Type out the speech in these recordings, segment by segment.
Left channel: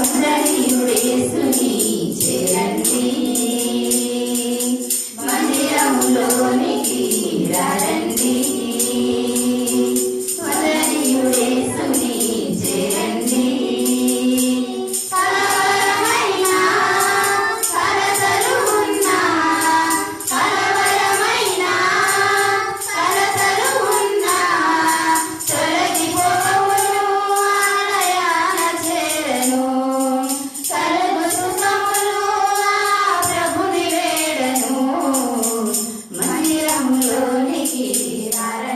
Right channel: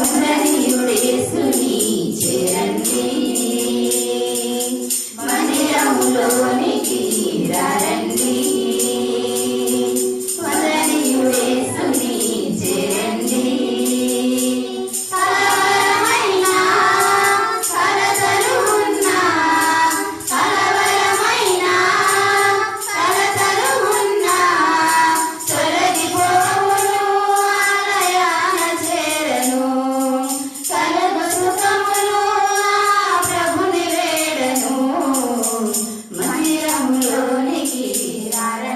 వందనీయుడేసుని చేరండి, మందిరములోనికి రండి. వందనీయుడేసుని చేరండి, కలవరమైన కలతలు ఉన్నా, కలవరమైన కలతలు ఉన్నా తొలగిపోవును, ఆలయాన చేరను. కలగు సుఖములు ఆ ప్రభుని వేడను, మందిరములోనికి రండి.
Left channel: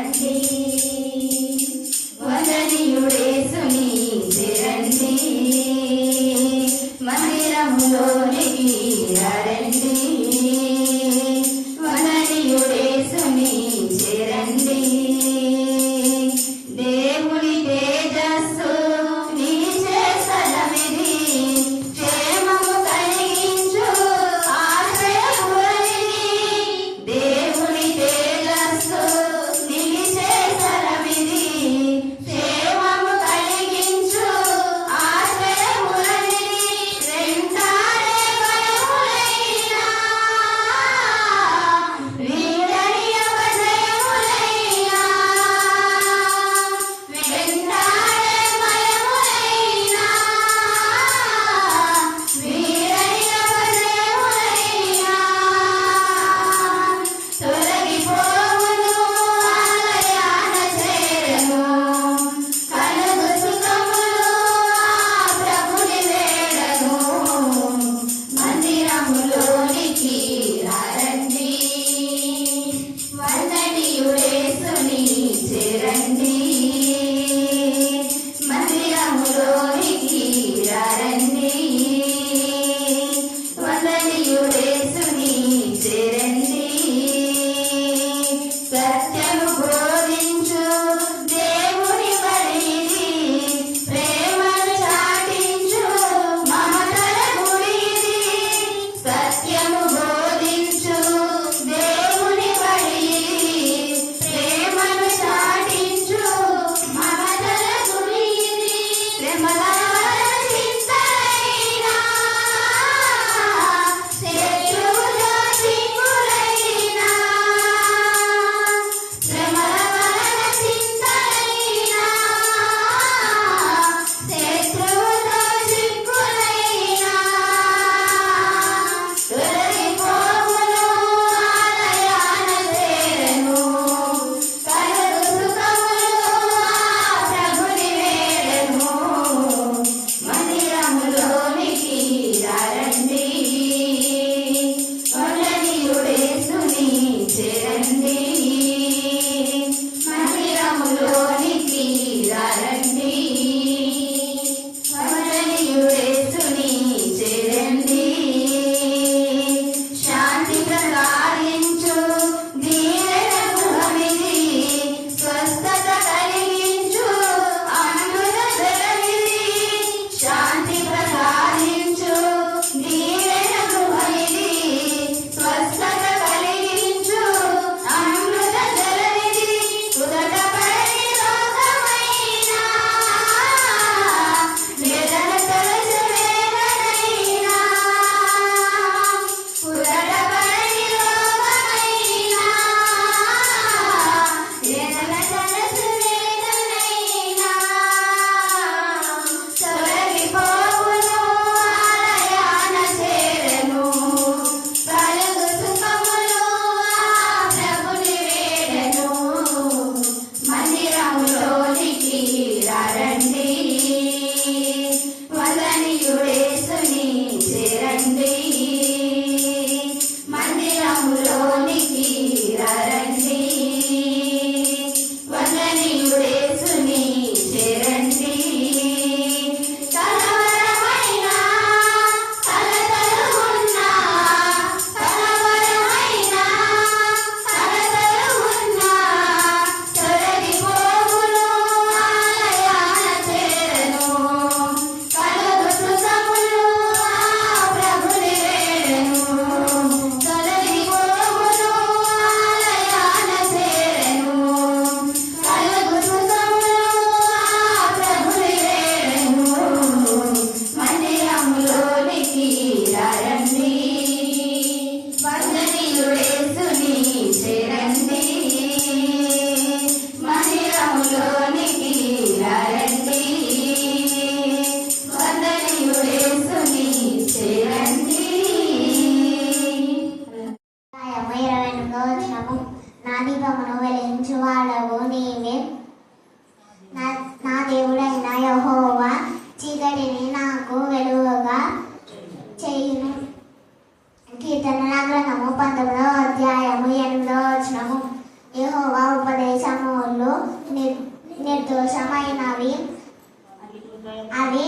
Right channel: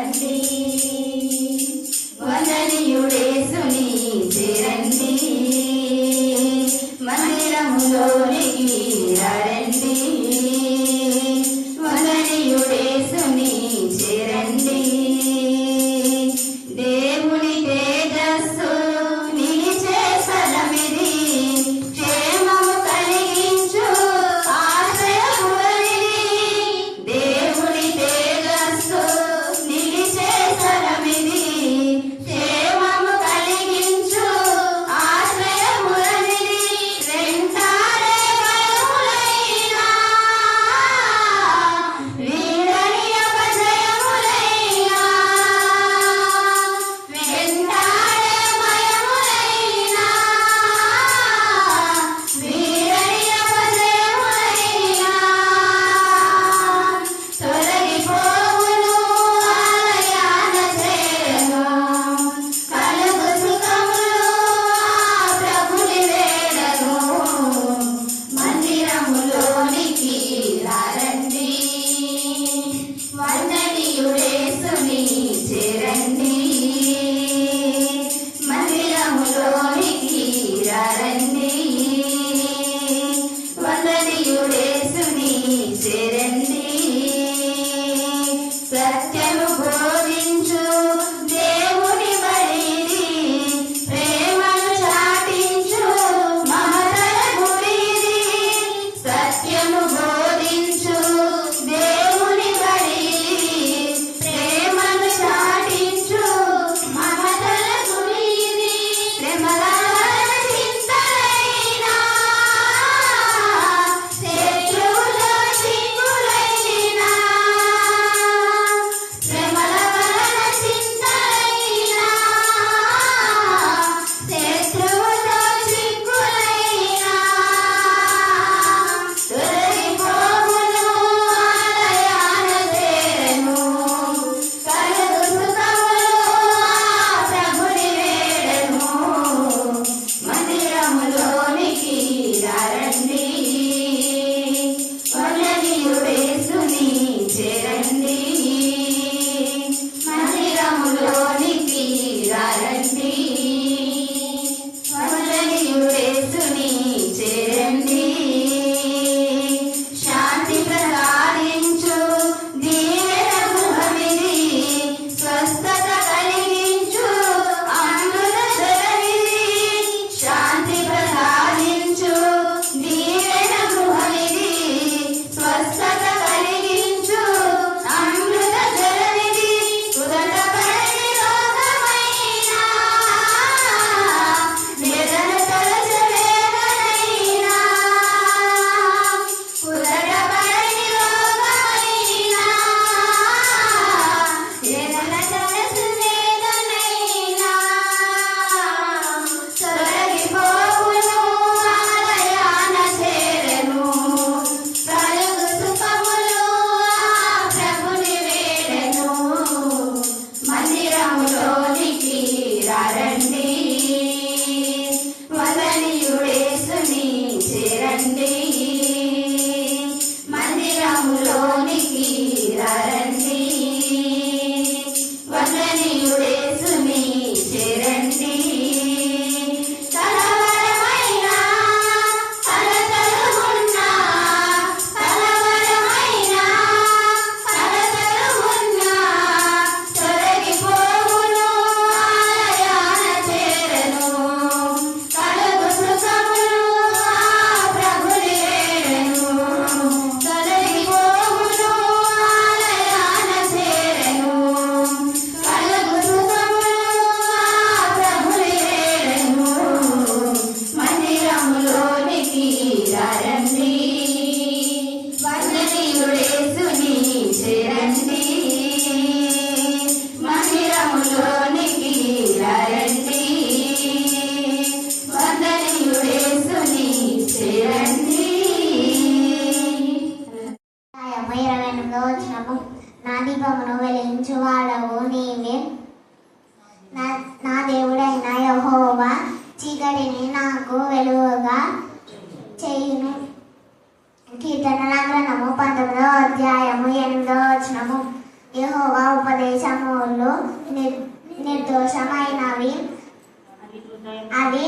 అవి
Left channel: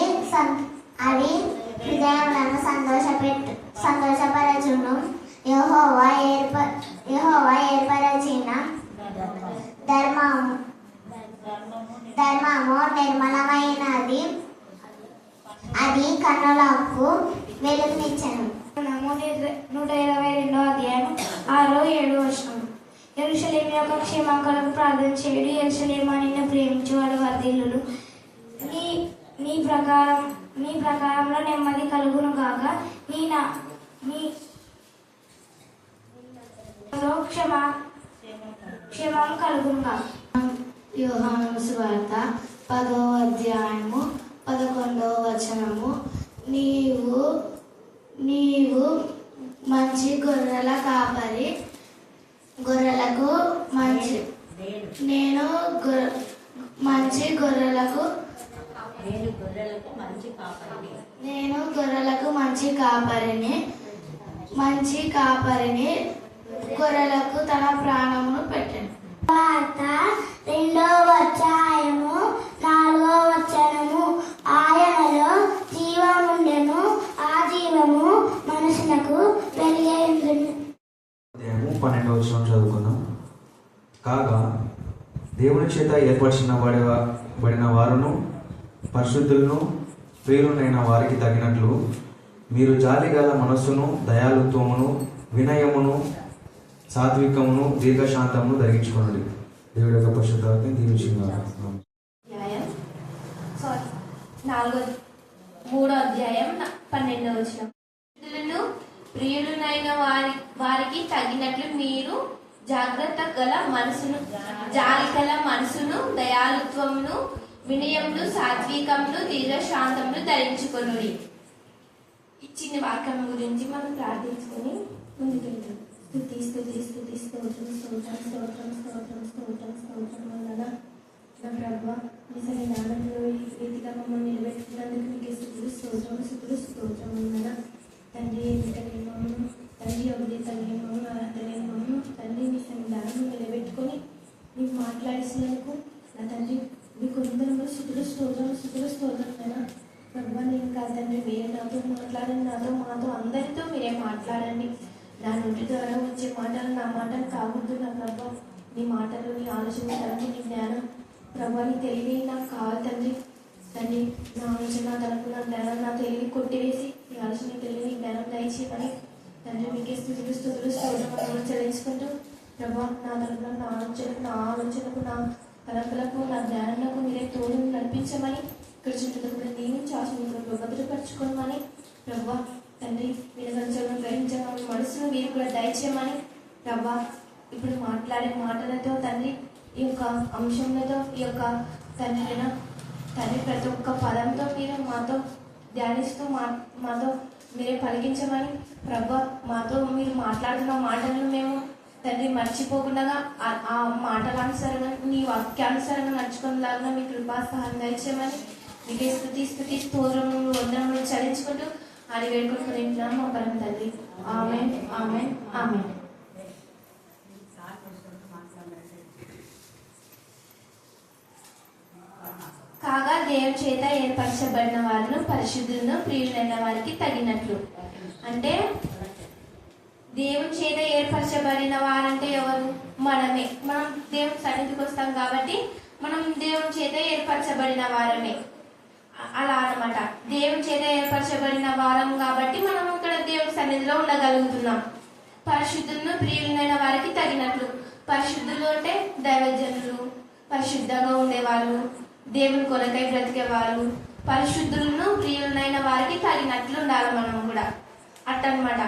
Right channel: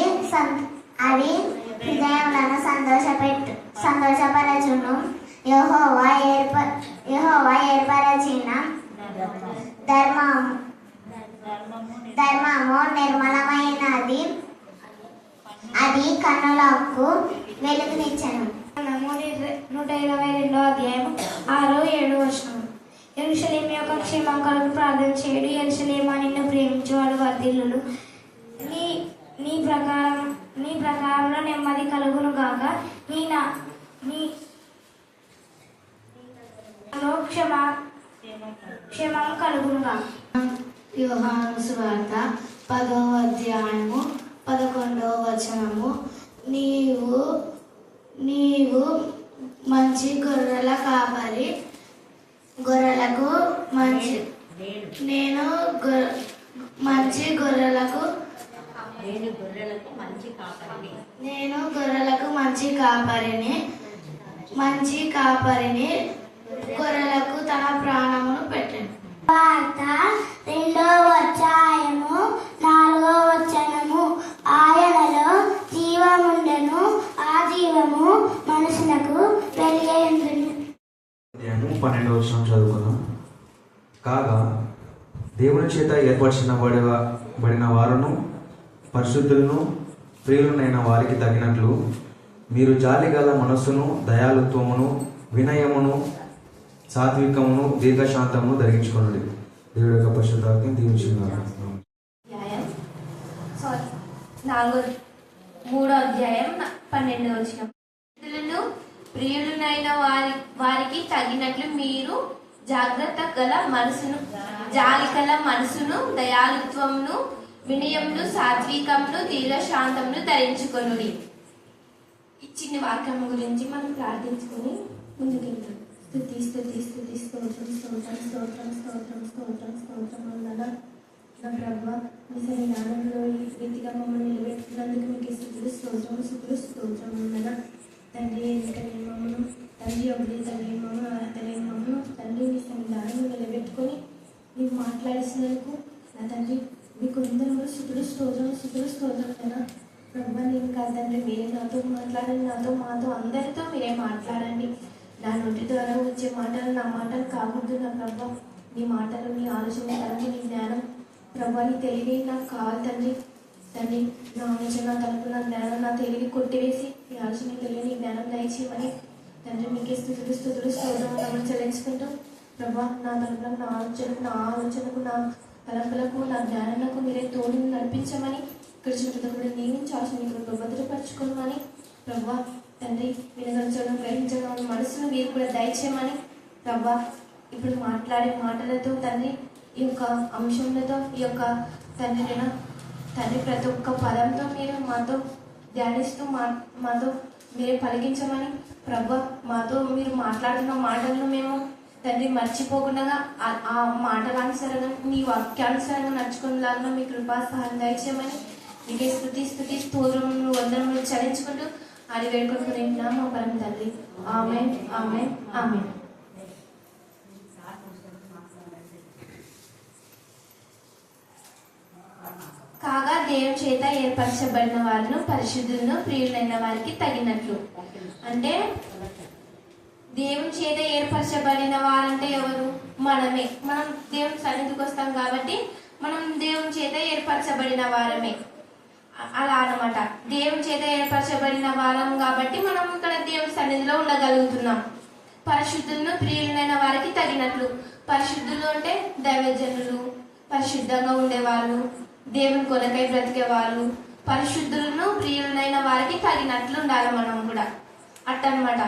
హృదయములను సంతోషపరచును. యెహోవా ఏర్పరచిన ధర్మము నిర్మలమైనది, అది కన్నులకు వెలుగునిచ్చెను. 122 అధ్యాయం 6-7 వచనం. యెరూషలేము యొక్క క్షేమం ప్రార్థన చేయడు. యెరూషలేము నిన్ను ప్రేమించేవాడు వర్ధిల్లును. నీ ప్రకారంలో నెమ్మది కలుగును గాక. క్షేమం కలుగును గాక. యోహాను సువార్త 10వ అధ్యాయము 11వ వచనము. నీవు మంచి గొర్రెల కాపరి, గొర్రెలకు నేను గొర్రెలకు మంచి కాపరిని గొర్రెలకు తన ప్రాణమును పెట్టాను. వార్త 2వ అధ్యాయము 4వ వచనము. ఆయనలో జీవముండెను, ఆ జీవము మనుషులకు వెలుగైండును. 12వ వచనం చదువుకుందాం. కాగా దేవుని చేత ఏర్పరచబడిన వారును పరిశుద్ధులను ప్రియులనైన వారికి తగినట్లు మీరు జాలిగల మనస్సును, దయాళుత్వమును, వినయమును, సాత్వికమును, దీర్ఘశాంతమును ధరించుకోండి. దేవుడి యొక్క పరిశుద్ధాత్మను దీవించున్నారు. 3వ అధ్యాయం 12వ వచనం. ప్రియులనైన వారికి తగినట్లు మీరు జాగ్రత్త గల మనసును, జాలి గల మనసును, దయాళుత్వమును, వినయమును, సాత్వికమును, దీర్ఘశాంతమును ధరించుకొనుడి. ఇచ్చిన వాక్యం గురించి మనం ప్రార్థించుకొని ముందుకెళ్తాం. స్తుతి స్తుతి స్తుతి స్తోత్రం స్తోత్రం స్తోత్రం స్తోత్రం స్తోత్రం స్తోత్రం అన్నారా నా ప్రభువా, మీ జ్ఞానంలో ఈ రీతిగా మమ్మల్ని నిలబెట్టినందుకు మీకు స్తుతులు స్తోత్రం స్తుతులు స్తోత్రం అన్నారా. తండ్రి ఎన్నికలేని మమ్మను, తండ్రి అభివృద్ధి మమ్మను, అర్హతలేని మమ్మను తండ్రి మీ జ్ఞానం నిలబెట్టుకొని నీకు మాట్లాడిస్తున్నందుకు నా తండ్రి మీకు అందరూ స్తుతులు స్తోత్రం స్తుతులు స్తోత్రం కదా ప్రభువా. నేను కాదు తండ్రి, మీరే నాతో మాట్లాడండి, మాతో అందరితో మీరే మాట్లాడండి. నా నోటి ద్వారా వచ్చే మాటలు నా మాటలు కావద్దు నా ప్రభా. నీ మాటలు, నీ ఆలోచన తలంపు, నీ జ్ఞానం ప్రభా, నీ తెలివి నాకు కావాలి తండ్రి. తండ్రి నా ఆలోచన తలంపు, నా జ్ఞానం, నా తెలివి కొట్టివేసి నీ ఆలోచన తెలివి, నీ జ్ఞానం దయచేయమని తండ్రి మీకే స్తుతులు స్తోత్రం చెల్లించుకుంటూ ప్రభా, నా తలంపులకు, నా ఆలోచనకు, నా తలంపులకు, నా జ్ఞానంలో మీరే తోడు నడిపించమని, ఇక్కడ చుట్టుపక్కల దీవించి ఆశీర్వాదంలో భద్రపరచుకోమని ప్రభా. తండ్రి వినగంచడం, గ్రహించడం మనసును మీరు కూడా దయచేయమని ప్రభా. ఇప్పుడు మాట్లాడే మాటలతో తండ్రి, ఈ యొక్క అంశంలతో, ఈ యొక్క తండ్రి ప్రతి ఒక్క పదంతో మీరు మాతో ధ్యానిస్తూ మాతో మీరే పలికించమని ప్రభా. మాతో మీరు మాట్లాడుతున్న మాటలను మేము తండ్రి మర్చిపోకుండా ఆ మాటలానుసరంగా నీ వాక్యానుసరంగా నడుచుకునేలాగా మీ కృపా సహాయం దయచేయమని మీకే స్తుతి స్తోత్రములు వందనములు చెల్లించుకుంటూ అది వేడుకుంటున్నాం మా పరమ తండ్రి. ఆమేన్ ఆమేన్ ఆమేన్. కాగా దేవుని చేత ఏర్పరచబడిన వారిని పరిశుద్ధులను ప్రియులైన వారికి తగినట్లు. అంటే దేవుని చేత ఏర్పరచబడిన వారంటే ఎవరు? మనమే. మనం దేవుని సన్నిధికి వస్తాం కాబట్టి మనం దేవుని చేత ఏర్పరచబడిన వారమే. అలా అన్నమాట. దేవుని చేత ఏర్పరచబడిన వారం కాబట్టి మనం ఇక్కడ దేవుని సన్నిధిలో ఉండగలుగుతున్నాం. పరిశుద్ధులను ప్రియులైన వారికి తగినట్లు. పరిశుద్ధులు అంటే దైవజనులు, పరిశుద్ధంగా ఉండేవాళ్ళు, దేవుని కొరకై బ్రతికే వాళ్ళు. పరిశుద్ధులను ప్రియులైన వారికి తగినట్లు ఉండాలి మనం కూడా. అట్టనమాట.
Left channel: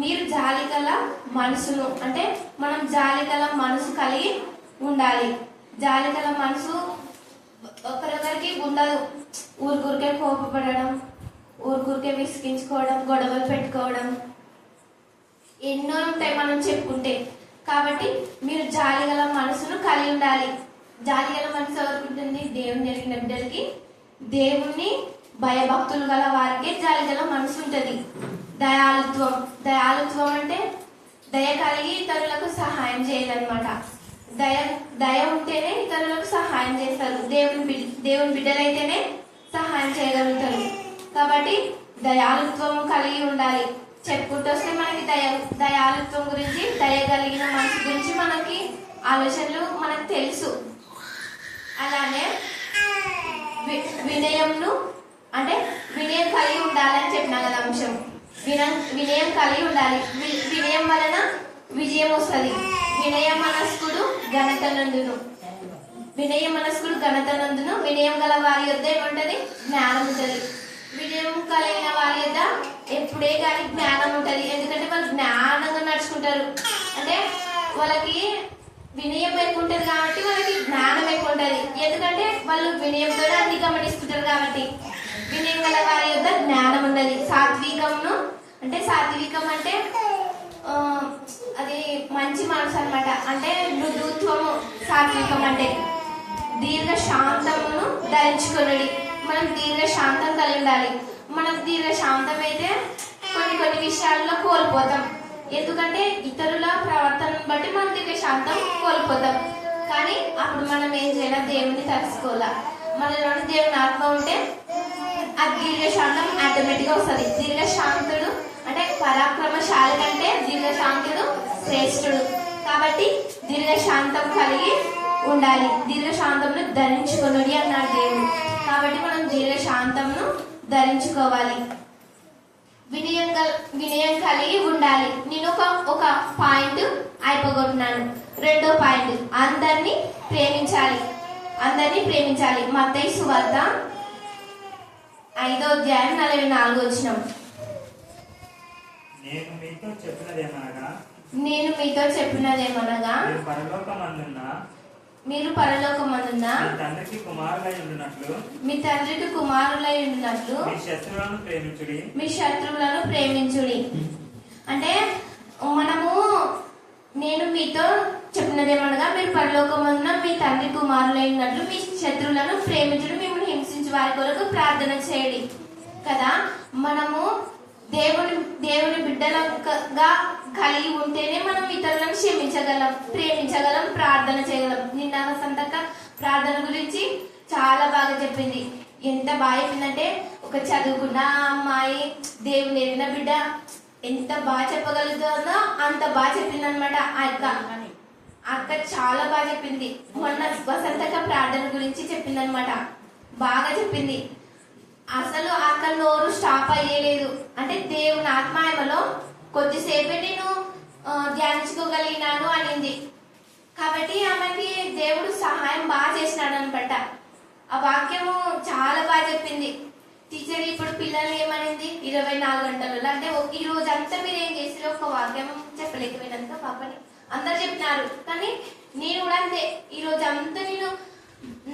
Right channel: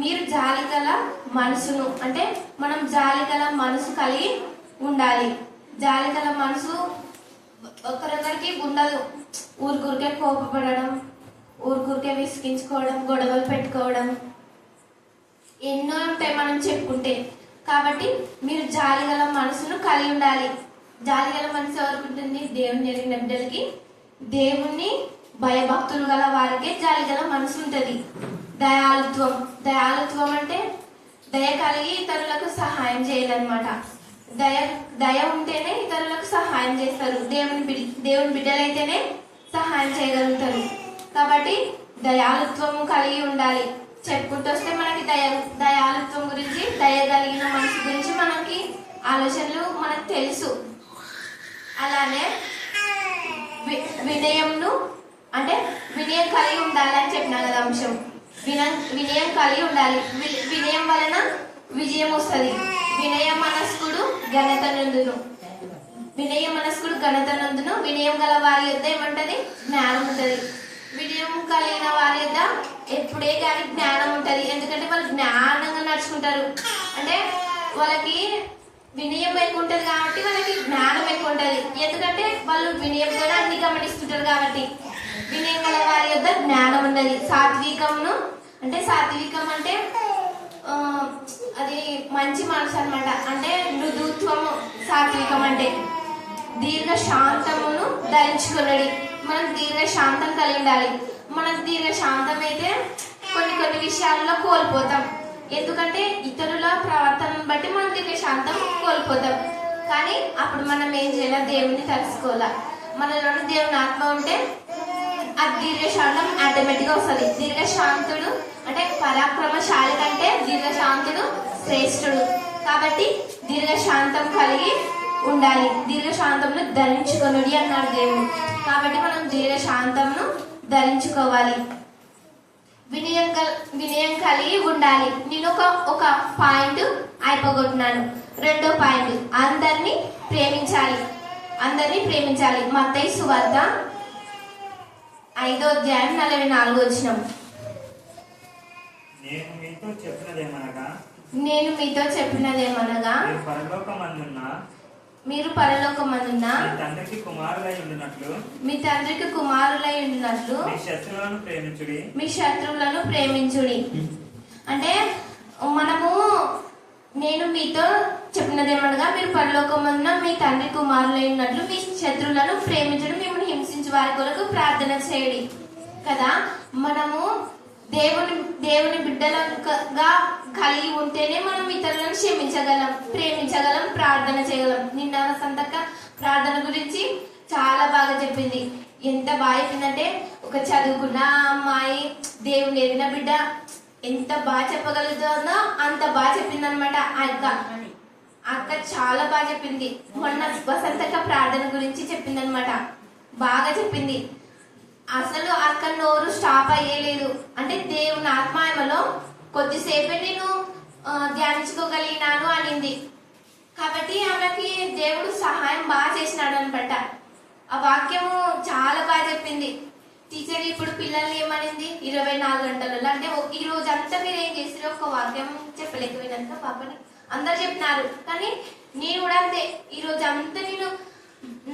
మీరు జాలిగల మనసును, అంటే మనం జాలిగల మనసు కలిగి ఉండాలి. జాలిగల మనసు ఒకరికొకరికి ఉండదు. ఊరికే కోపపడడం, ఊరికే విసిగించుకోవడం, గొడవలు పెట్టుకోవడం ఎన్నో ఉంటాయి మనం చెప్పుకుంటే. కాబట్టి మీరు జాలిగల మనసును కలిగి ఉండాలి. జాలిగల మనసు ఎవరికి ఉంటుంది? దేవుని జరిగిన బిడ్డలకి, దేవుణ్ణి భయభక్తులు గల వారికే జాలిగల మనసు ఉంటుంది. దయాళుత్వం అంటే దయ కలిగి ఇతరులకు సహాయం చేయాలన్నమాట. దయ దయ ఉంటేనే ఇతరులకు సహాయం చేస్తారు. దేవుని బిడ్డలైతేనే సహాయం చేయగలుగుతారు. కాబట్టి దయాలుత్వం కలిగి ఉండాలి. చెప్పుకుంటూ వస్తే మనకి దయాలుత్వం గురించి, దయ కలిగిన మనసు గురించి మనకి ఆలోచనలు మనకు తెలుసు. అలానే వినయంను అంటే వినయం కలిగి ఉండాలి అని చెప్పినా కదా అంశం. వినయం కలిగి ఉండాలి. వినయం వలన విజయం వస్తుంది. వినయ మనస్కుడు ఘనత నందును. వినయం గల వారి యొద్ద ఏమంటది? జ్ఞానం ఉంటది. వినయం కలిగిన వారి యొద్ద ఎప్పుడే కానీ జ్ఞానం ఉంటది. ఎందుకంటే వాళ్ళు జ్ఞానంగా నడుచుకుంటారు. అంటే వాళ్ళకి వినయం ఎక్కువ ఉంటది కాబట్టి వాళ్ళకి జ్ఞానం ఎక్కువ ఉంటది. ఎందుకంటే వాళ్ళు వినయంతో అన్ని గమనిస్తుంటారు కాబట్టి. వినయం గల వారి యొద్ద జ్ఞానం ఉన్నది. సాత్వికం అంటే అది మంచి మనసు అన్నమాట. అంటే మృదుత్వము సాత్వికం అంటే. దీర్ఘ శాంతమును ధరించుకున్నది. మనం దీర్ఘ శాంతం కలిగి ఉండాలి. మనం దీర్ఘ శాంతం అయితే కొన్ని విషయాల్లో కోల్పోతాం. ఎందుకంటే ఇతరుల ప్రవర్తనను బట్టి మనం దీర్ఘ శాంతం కోల్పోతాం. కానీ అప్పుడు మనం ఏం చేయాలి? దేవుని తెలుసుకోవాలా. మనలో దేవుని ఆత్మ ఉంటే ఆ దీర్ఘశాంతం ఆటోమేటిక్ గా వస్తుంది. దీర్ఘశాంతుడు అంటే పరాక్రమశాలి కంటే దీర్ఘశాంతుడు శ్రేష్ఠుడు. కాబట్టి దీర్ఘశాంతం కలిగి ఉండాలి. దీర్ఘశాంతంను ధరించుకొనుడి అన్నాడు దేవుడు. కాబట్టి మనం దీర్ఘశాంతంను ధరించుకోవాలి. వినయం కలిగి ఉండాలి. నేను ఒక పాయింట్ అయిపోగొట్టున్నాను. రెండో పాయింట్, అందరినీ ప్రేమించాలి. మత్తయి సువార్త 5వ అధ్యాయం 44వ వచనం. నేను మీతో చెప్పినదేమనగా మీరు పరలోకమందున్న మీ తండ్రికి కుమారులై ఉండినట్లు మీ శత్రువులను ప్రేమించుడి. అంటే నేను మీతో చెప్పినదేమనగా మీరు పరలోకమందున మీ తండ్రి కుమారులై ఉన్నట్లు మీ శత్రువులను ప్రేమించడం, మిమ్మల్ని హింసించే వారి కొరకు ప్రార్థన చేయడి కదా. మనము దేవుని బిడ్డలుగా కలిగి ఉంటేనే మనం ఇతరులను క్షమించగలం, ప్రేమించగలం, ప్రార్థన చేయగలం. నిన్న సంతక ప్రార్థన గురించి చాలా బాగా చెప్పింది. ఎంత బాగా చెప్పిందంటే, ఒక చదువుకున్న అమ్మాయి దేవుని ఎరిగిన బిడ్డ ఎంత బాగా చెప్పగలుగుతుందో అంత బాగా చెప్పింది అనమాట. అక్క చాలా బాగా చెప్పింది. మొన్న వసంతక ప్రార్థన గురించి చెప్పింది అనమాట. బాగా చెప్పింది. అసలు అక్క నోరు స్టాప్ అయ్యేలేదు. అంటే దేవుని ఆత్మాయమలో కొద్దిసేపే నేను ధ్యానించుకోగలిగినాను అనింది. కాబట్టి ఆమెకి దేవుడు సహాయం బాగా చేసినాడు అనమాట. ఆ వాక్యము చాలా బాగా చెప్పింది. టీచర్ ఇప్పుడు పిల్లల్ని ఏమనింది? 24 గంటలలో అంటే ఈ రోజు అంతా మీరు ఏం చేసినా ఒక వాక్యం చెప్పలేకపోయినంత పాపని అందరు చెప్పినారు. కానీ నేను కూడా అంతే. ఈ రోజు అంతా నేను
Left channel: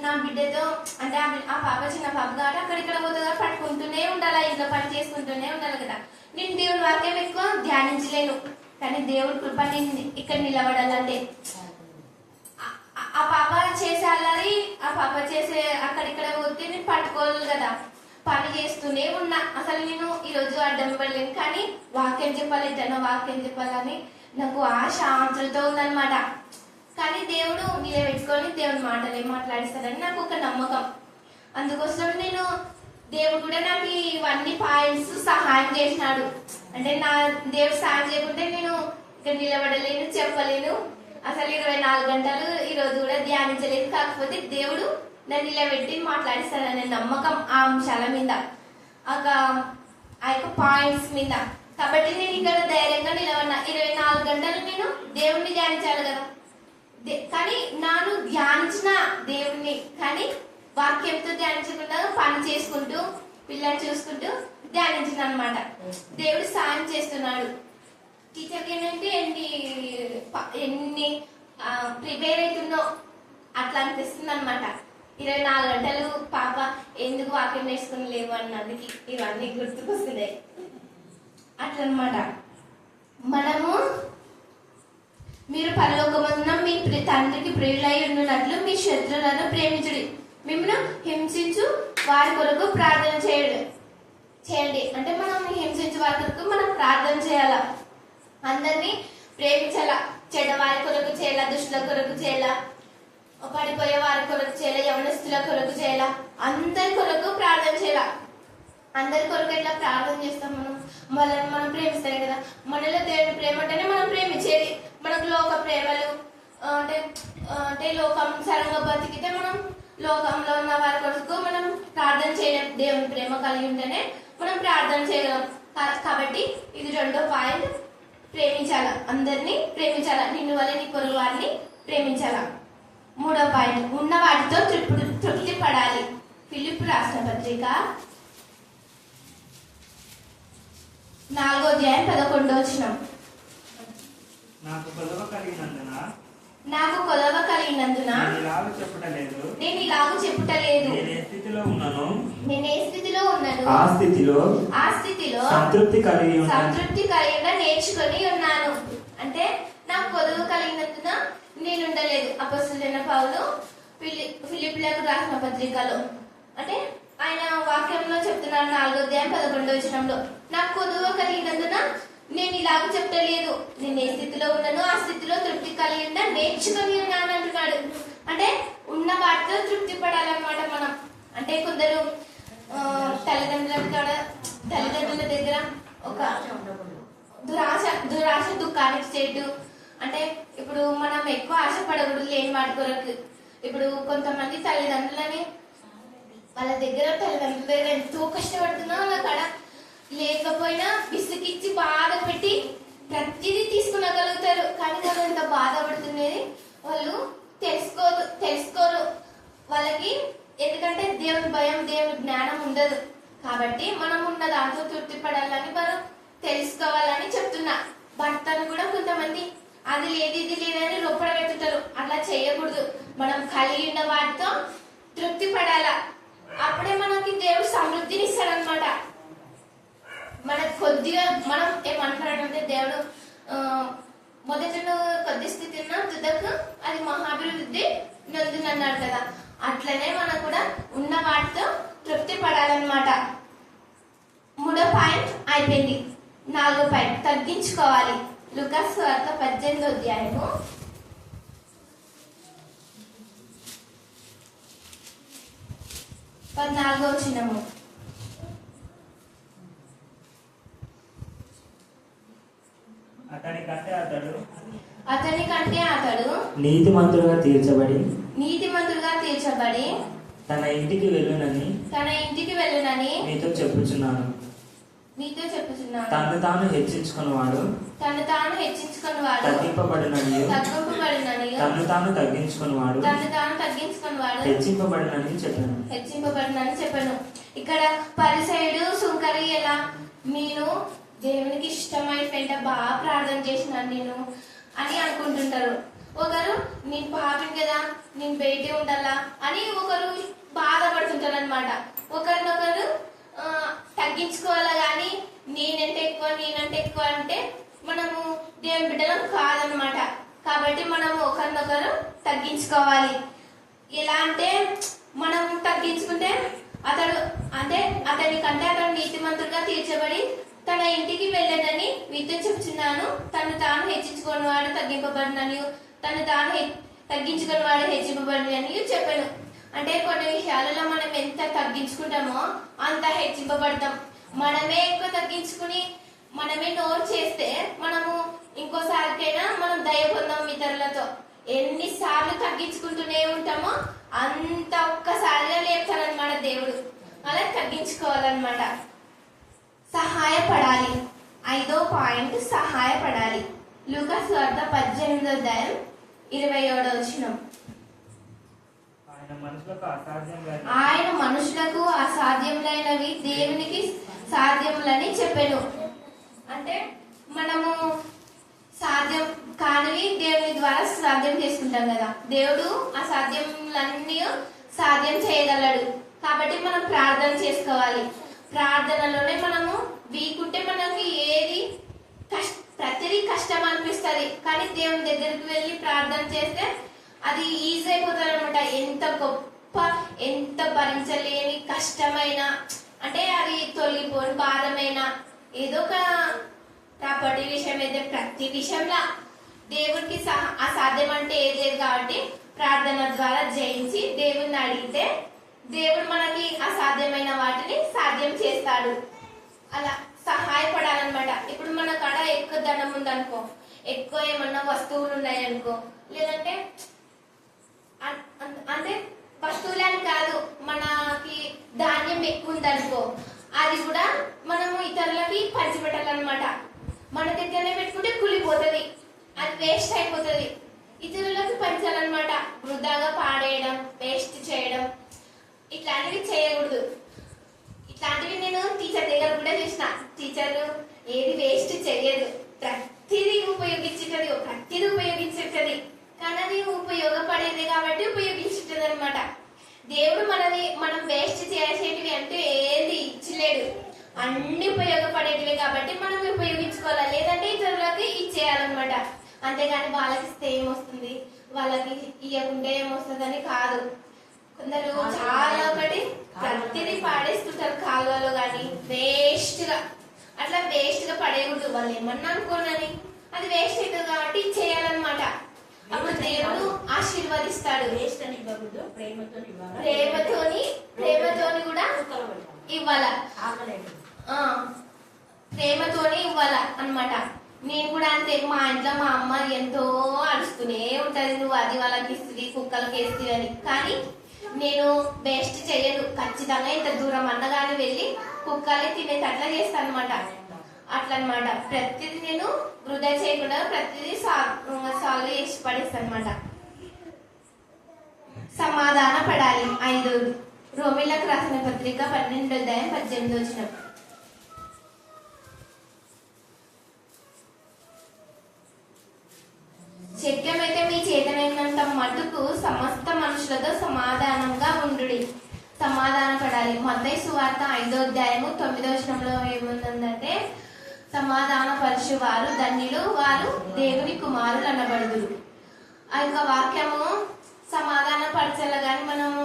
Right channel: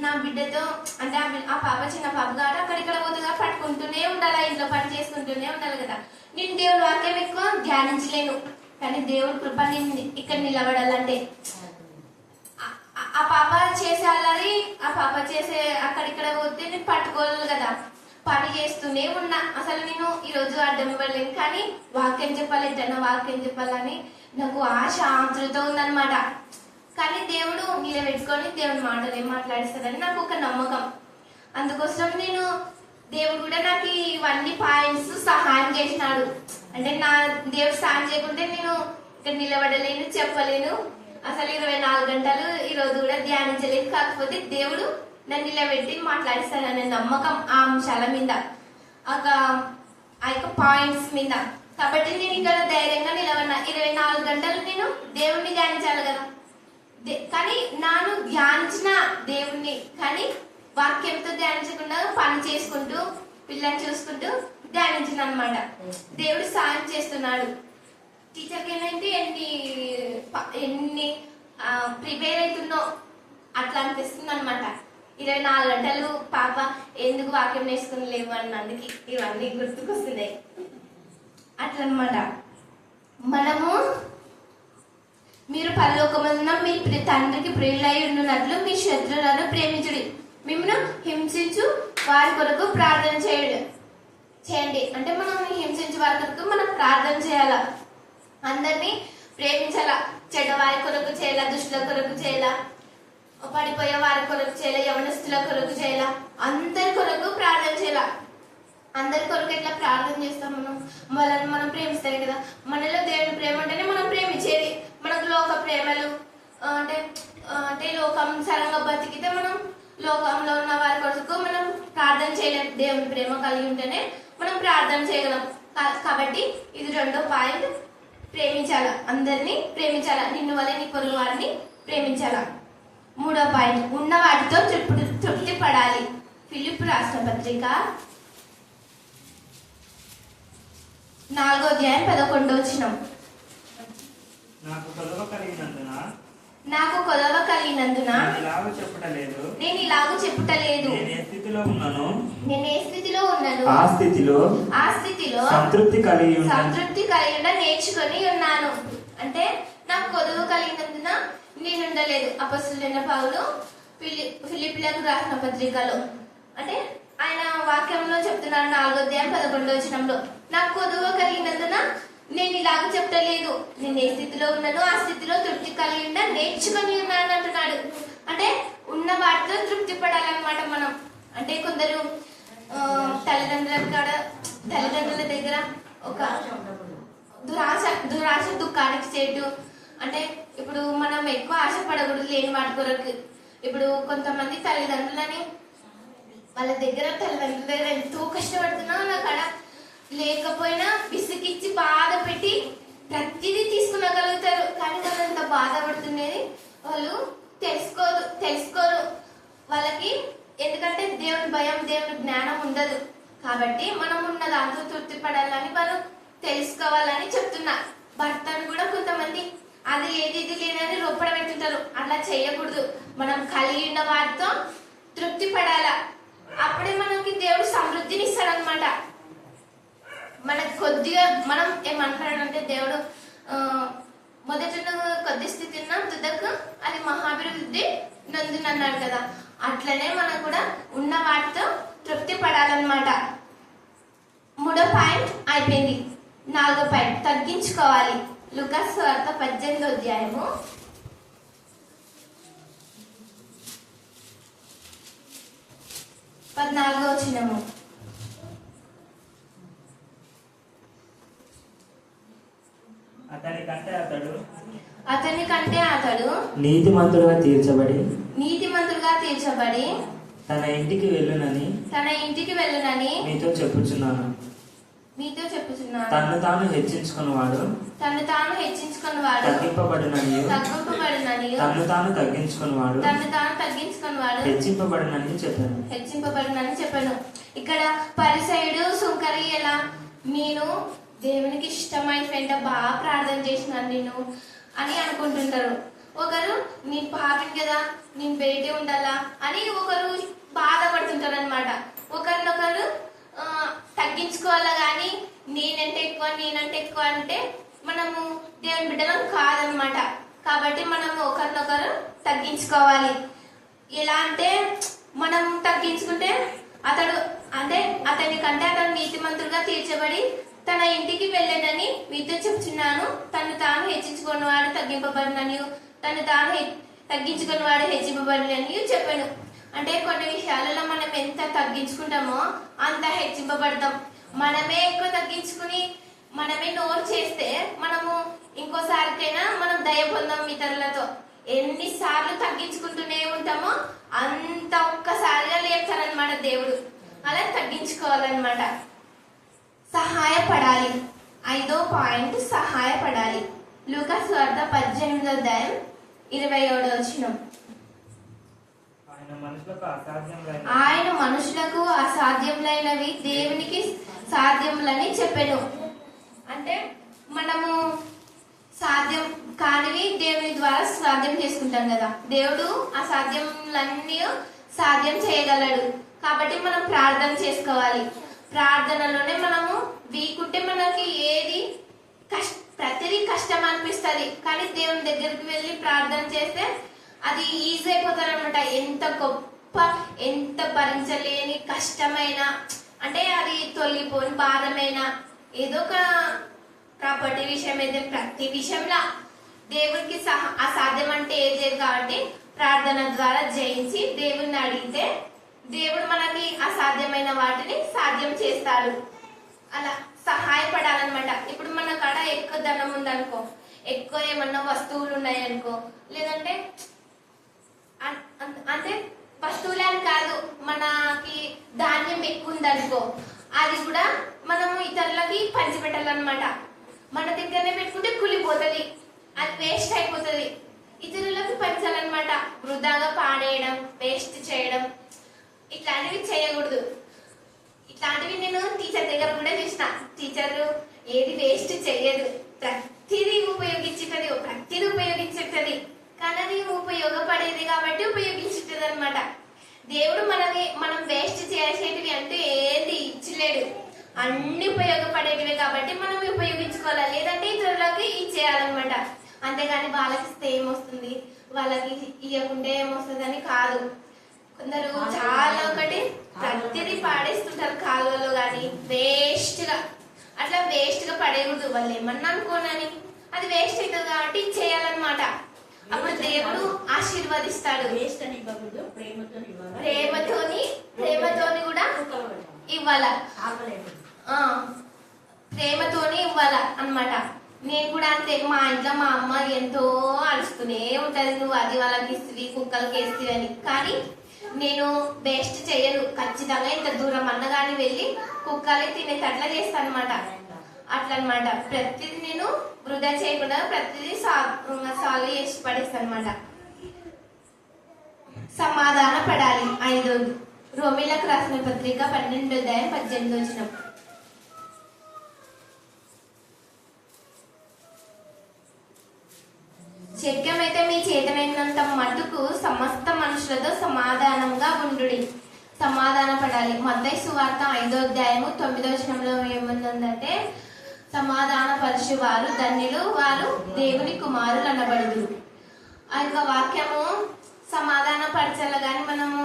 నా బిడ్డతో అంటే ఆ పాప చిన్న పాప గారు అక్కడిక్కడ పోతుందా పట్టుకుంటూనే ఉండాలి, ఇంట్లో పని చేసుకుంటూనే ఉండాలి కదా. నేను దేవుడి వాక్యం ఎక్కువ ధ్యానించలేను. కానీ దేవుడి కృప నేను ఇక్కడ నిలబడాలంటే ఆ పాప చేసేయాలని, ఆ పాప చేసే అక్కడిక్కడ పోతే నేను పట్టుకోవాలి కదా. పని చేస్తూనే ఉన్నా. అసలు నేను ఈ రోజు అడ్డం ఇవ్వలేను. కానీ వాక్యం చెప్పాలి, జన వాక్యం చెప్పాలని నాకు ఆశ ఆతృత ఉందన్నమాట. కానీ దేవుడు నిలబెట్టుకొని దేవుని మాటలు ఏం మాట్లాడిస్తాడని నాకు ఒక నమ్మకం. అందుకోసం నేను దేవుడు కూడా నాకు ఇవన్నీ పాయింట్స్ సహాయం చేసినాడు. అంటే నా దేవుడు సహాయం చేయకుంటే నేను ఇక్కడ నిలబడలేను, చెప్పలేను. అసలు 24 గంటలు ఈ రోజు కూడా ధ్యానించలేదు. కాకపోతే దేవుడు నన్ను నిలబెట్టి మాట్లాడిస్తాడనే నమ్మకం ఆ అంశాల మీద, ఆ యొక్క పాయింట్స్ మీద. కాబట్టి నేను ఇక్కడ ధైర్యంగా నిలబడినా. 24 గంటలు నేను దేవుణ్ణి ధ్యానించాలి కదా. కానీ నాను ధ్యానించిన దేవుణ్ణి, కానీ వాక్యంతో ధ్యానించకుండా పని చేసుకుంటూ పిల్లల్ని చూసుకుంటూ ధ్యానించిన అనమాట. దేవుడు సాయం చేస్తున్నాడు. టీచర్కి ఏంటంటే ఎన్ని ప్రిపేర్ అవుతుందో అట్లా అనిపిస్తుంది అనమాట. 24 గంటలు పాప ఎందుకు వాక్యం నేర్చుకుని లేవు అన్నందుకు ఇవన్నీ గుర్తుకొస్తున్నాయి. అట్లనమాట. మనము మీరు పరలోకమందున మీ తండ్రికి ప్రియులై ఉండునట్లు మీ శత్రువులను ప్రేమించుడి, మిమ్మల్ని హింసించు వారి కొరకు ప్రార్థన చేయండి. అంటే మనం హింసించు వారి కొరకు మనం ప్రార్థన చేయాలా, అందరినీ ప్రేమించాలా. చెడ్డవారి కొరకు చేయాల, దుష్టుల కొరకు చేయాల, పడిపోయే వారి కొరకు చేయాల, యవనస్తుల కొరకు చేయాల, అందరి కొరకు ప్రార్థన చేయాల. అందరి కొరకు ఎట్లా ప్రార్థన చేస్తాం? వాళ్ళని మనం ప్రేమిస్తాం కదా. మనలో దేవుని ప్రేమ అంటేనే మనం ప్రేమించేది. మనకు లోక ప్రేమలు అంటే లోకానుసారంగా బతికితే మనం లోకంలో ఉన్న వారి కొరకు మనం ప్రార్థన చేయలేం. దేవుని ప్రేమ కలిగి ఉంటేనే మనం ప్రార్థన చేయగలం. కాబట్టి ఇది 2వ పాయింట్, ప్రేమించాల, అందరినీ ప్రేమించాల, నిన్ను వల్ల నీ పొరుగు వారిని ప్రేమించాల. 3వ పాయింట్, ఉన్న వాటితో తృప్తి పడాలి. ఫిలిప్పు రాసిన పత్రిక 4వ అధ్యాయం 11వ వచనం. నాకు కొలువ కలిగినందున నాకు కొలవ కలిగినందున నేను ఇలాగ చెప్పుటలేదు. నేను ఏ స్థితిలో ఉన్నాను ఆ స్థితిలో సంతృప్తి కలిగి నేర్చుకొని ఉన్నాను. అంటే నాకు కొలువ కలిగినందున నేను ఉండలేదు. అపొస్తలుడైన పౌలు ఫిలిప్పీలకు రాసిన పత్రికలో అంటే ఆయన వాక్యంలో చెప్తున్నాడు 4వ అధ్యాయం 11వ వచనంలో, నాకు కొలువ కలిగినందున నేను ఇలాగ చెప్పలేదు. నేను ఏ స్థితిలో ఉన్నాను ఆ స్థితిలో తృప్తి కలిగి నేర్చుకొని ఉన్నాను అంటున్నాడు. అంటే ఉన్న వాటితో తృప్తి పడాలన్నమాట మనం. అంటే కొందరు తల్లిదండ్రుల దగ్గర ఒక దురాశ దుఃఖానికి చేటు. అంటే ఇప్పుడు మనం ఎక్కువ ఆశపడకూడదు లేని వాటి కొరకు. ఇప్పుడు కొంతమంది తల్లిదండ్రులని వాళ్ళ దగ్గర ఎంతో కష్టపడుతున్నా అక్కడ లేకపోయినా విసిగిచ్చి బాధ పెట్టి ప్రతిదీ తీసుకునగలుగుతారు. కానీ వాళ్ళు ఎంత బాధపడుతున్నది వాళ్ళు తెలుసుకోరు వాళ్ళకి. ఎందుకంటే దేవుని భయం, దేవుని జ్ఞానం ఉండదు. కాబట్టి మనం ఉన్న దాంతో తృప్తి పడాలని వాళ్ళు తెలుసుకోవాలని చెప్తున్నా. భర్తను కూడా కొంతమంది అది లేదు ఇది లేదని రొప్పడ పెట్టుతారు. అట్లా చేయకూడదు. మనం కలిగి ఉన్న వాటితో తృప్తి పడాలా. అప్పుడే మనకి దేవుడు సమృద్ధిని ఇస్తాడనమాట. మనకు కొద్దిగా మనం ఏమంటాడంటే దేవుడు మొదట కొద్ది స్థితి ఉన్న తుదకు అది మహాభివృద్ధి నొందునన్నాడు కదా. అట్లనే మనం కూడా ఉన్న వాటితో తృప్తి పడాలన్నమాట. 3వ పాయింట్ అయిపోయింది. 4వ పాయింట్ తగ్గించుకోవాలి. లూకాసు సువార్త 18వ అధ్యాయము 14వ వచనము. అతని కంటే అతడు నీతిమంతుడుగా తీర్చబడి తన ఇంటికి వెళ్ళునని మీతో చెప్పుచున్నాను. తను తాను హెచ్చించుకున్నవాడు తగ్గింపబడినని తను తాను తగ్గించుకున్నవాడు హెచ్చింపబడినని చెప్పాను. ఇక్కడ పరిసయుడు సుంకరి ఎలా నేను దేవునికి ఇష్టమైన వెంట బాగా ప్రార్థన చేసినాను నేను అని అనుకుంటుంటారు. ఒకరు నేను పాపిని కదా నేను బయట ఉండాలా అని ఒకరు బాధపడుతుంటారు అనమాట. ఒకరినొకరు తగ్గించుకోవాలా గాని నేనంటే ఎక్కువ అంటే మనము దేవుని బిడ్డలం కాదనమాట. కాబట్టి మనం ఒకరినొకరు తగ్గించుకోవాలి. ఎలా అంటే మనం తగ్గించుకుంటే అతని కంటే అతను నీతిమంతుడుగా తీర్చబడి తన ఇంటికి వెళ్ళనని మీతో చెప్తున్నాను. తను తాను హెచ్చించుకున్నవాడు తగ్గింపబడినని, తను తాను తగ్గించుకున్నవాడు హెచ్చింపబడినని చెప్పాను. అంటే కొన్ని విషయాలలో మనం ఎంత తగ్గించుకుంటామో అంత హెచ్చింపబడతాం. మనమే ఎక్కువ తగ్గించుకుని మనమే నోరు చేస్తే మనము ఇంకోసారికైనా మనం దయ పొందాం ఇతరులతో. ఎన్నిసార్లు తగ్గించుకుంటూనే ఉంటామో అంత ఒక్కసారిగా లేపుతారనమాట దేవుడు. అలా తగ్గించుకోవాలన్నమాట. సహాయపడాలి. 5వ పాయింట్ సహాయపడాలి. లూకాసు సువార్త 18వ అధ్యాయం 27వ వచనం. ఆయన మనుషులకు అసాధ్యములైనవి దేవునికి సాధ్యములని చెప్పాను. అంటే మనము సాధ్యం కానివి దేవుని ద్వారా సాధ్యం చేసుకుంటాం కదా. దేవుడు అసాధ్యములన్నీ సాధ్యం చేయగలడు. కాబట్టి మనం ప్రార్థన చేసుకోవాలి. ప్రార్థనలోనే మనము వీకుంటే మనకి ఏది ప్రతిదీ కష్టం అనిపిస్తుంది. కానీ దేవుని దగ్గరికి వెళ్ళి ప్రార్థన చేస్తే అది ఈజీ అయిపోతారు అనమాట. ఎంత గొప్ప ఎంత భరించలేని కష్టమైన అంటే అది తొలగిపోని భారమైన ఏదో ఒక ప్రాపర్టీ విషయం అయితే ప్రతి విషయంలో దేవుడికి అసాధ్యం అంటే ఏది లేదు కాబట్టి ప్రార్థన ద్వారా జయించి దేవుడిని అడిగితే దేవుడు మనకి అసాధ్యమైన వాటిని సాధ్యం చేస్తాడు. అలా సహాయపడాలన్నమాట. ఇప్పుడు మన కాడ ఎక్కువ ధనం ఉందనుకో, ఎక్కువ ఏమన్నా వస్తువులు ఉన్నాయి అనుకో, లేదంటే అంటే వస్తువులే అని కాదు, మనకి ధాన్యం ఎక్కువ ఉందనుకో, అది కూడా మనము ఇతరులకి పంచిపెట్టాలన్నమాట. మన దగ్గరనే పెట్టుకుంటే కూలిపోతుంది, అది వేస్ట్ అయిపోతుంది. ఇతరులకు పంచాలన్నమాట. వృధాగా పాడేయడం, వేస్ట్ చేయడం ఇట్లాంటివి చేయకూడదు. ఇట్లాంటివి నేను టీచర్ దగ్గర కూడా చూసిన. టీచర్ ఏది వేస్ట్ చేయదు, ప్రతిదీ ఉపయోగించుంటది. కానీ అది ఉపయోగపడేది కాబట్టి ఉపయోగించుంటది అనమాట. దేవుడు మనం వేస్ట్ చేసేటివి అంటే ఏది ఇచ్చలేడు, అన్ని ఉపయోగపడేటివి కాబట్టి మనం ఉపయోగించుకోవాలి. లేదంటే ఇతరులకి ఇచ్చేయాలన్నమాట. అంతేగాని వాళ్ళకి ఇస్తే ఏమొస్తుంది, వాళ్ళకి ఇవ్వకుంటే ఏమొస్తుంది అని కాదు. కొందరు చాలా ప్రతిదీ పాడేస్తుంటారు కాలువలో గాని, వేస్ట్ గా. అట్లా వేస్ట్ గా పడేయకూడదు. వాళ్ళు ఏమన్నా అనుకోనని అది వేస్ట్ అవుతుంది కాబట్టి చేయాలన్నమాట. అప్పుడు దేవుడు ఆశీర్వదిస్తాడు. ప్రేమతోని కూడా ఇవ్వాల, ప్రేమతోని ఇవ్వాల అన్నమాట. నేను కూడా అంతే. మా ఇంట్లో మా అమ్మ ఎంతో అరుస్తూనే ఉంటది, నువ్వు అది వాళ్ళకి ఇస్తుంది, కుక్కలకి వేస్తుంది అని. కానీ నేను వేస్ట్ చేయను. ఖచ్చితంగా ఇంత దూరం అన్నగాని వెళ్ళి కుక్కలే తినేటట్లా చేస్తాను అనమాట. అట్లా అనమాట. ప్రతిదీ నేను వృధా చేయకుండా ప్రతిదీ సాల్వ్ చేసి పడేస్తాను అనమాట. సమాధాన పడాలి. 5 రోమిలకు రాసిన పత్రిక 12:18. శక్యమైతే మీ చేతనైనంత మటుకు సమస్త మనుషులతో సమాధానంగా ఉండుడి. సమాధాన పడాలి. మత్తయి సువార్త 5:9 ఏముందంటే, సమాధాన పరచు వారు ధన్యులు, వారు దేవుని కుమారులు అనబడుదురు. ఆ యొక్క వాక్యము సమాధాన పరచాల గాని మనము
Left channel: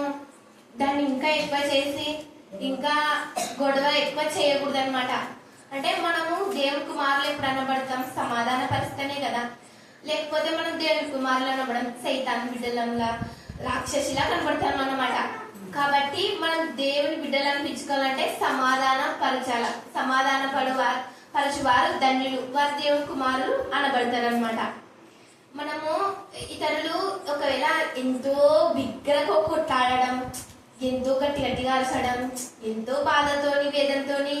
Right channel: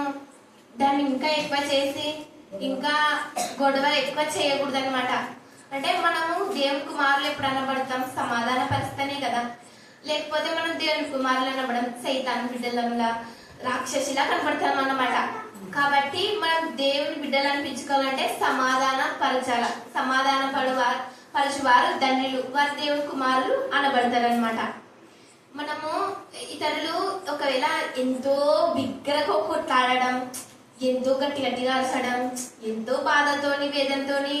దాన్ని ఇంకా ఎక్కువ చేసి ఇంకా గొడవలు ఎక్కువ చేయకూడదు అనమాట. అంటే మనము దేవుని కుమారులు ఎప్పుడు అనబడతాం, సమాధాన పరిస్తేనే కదా. లేకపోతే మనం దేవుని కుమారులు అనబడం సైతాన్ బిడ్డలంలా, రాక్షసిలా కనబడతాం అన్నమాట. కాబట్టి మనం దేవుని బిడ్డలు అనిపించుకోవాలంటే సమాధాన పరచాల. సమాధాన పరచువారు ధన్యులు, వారు దేవుని కుమారులు అనబడతారు అనమాట. మనము ఇతరులు ఒకవేళ ఎంతో బిగ్గరగా కొట్లాడడం, ఎంతో గట్టిగా అరచడం, ఎంతో బాధతోని వేదంతోని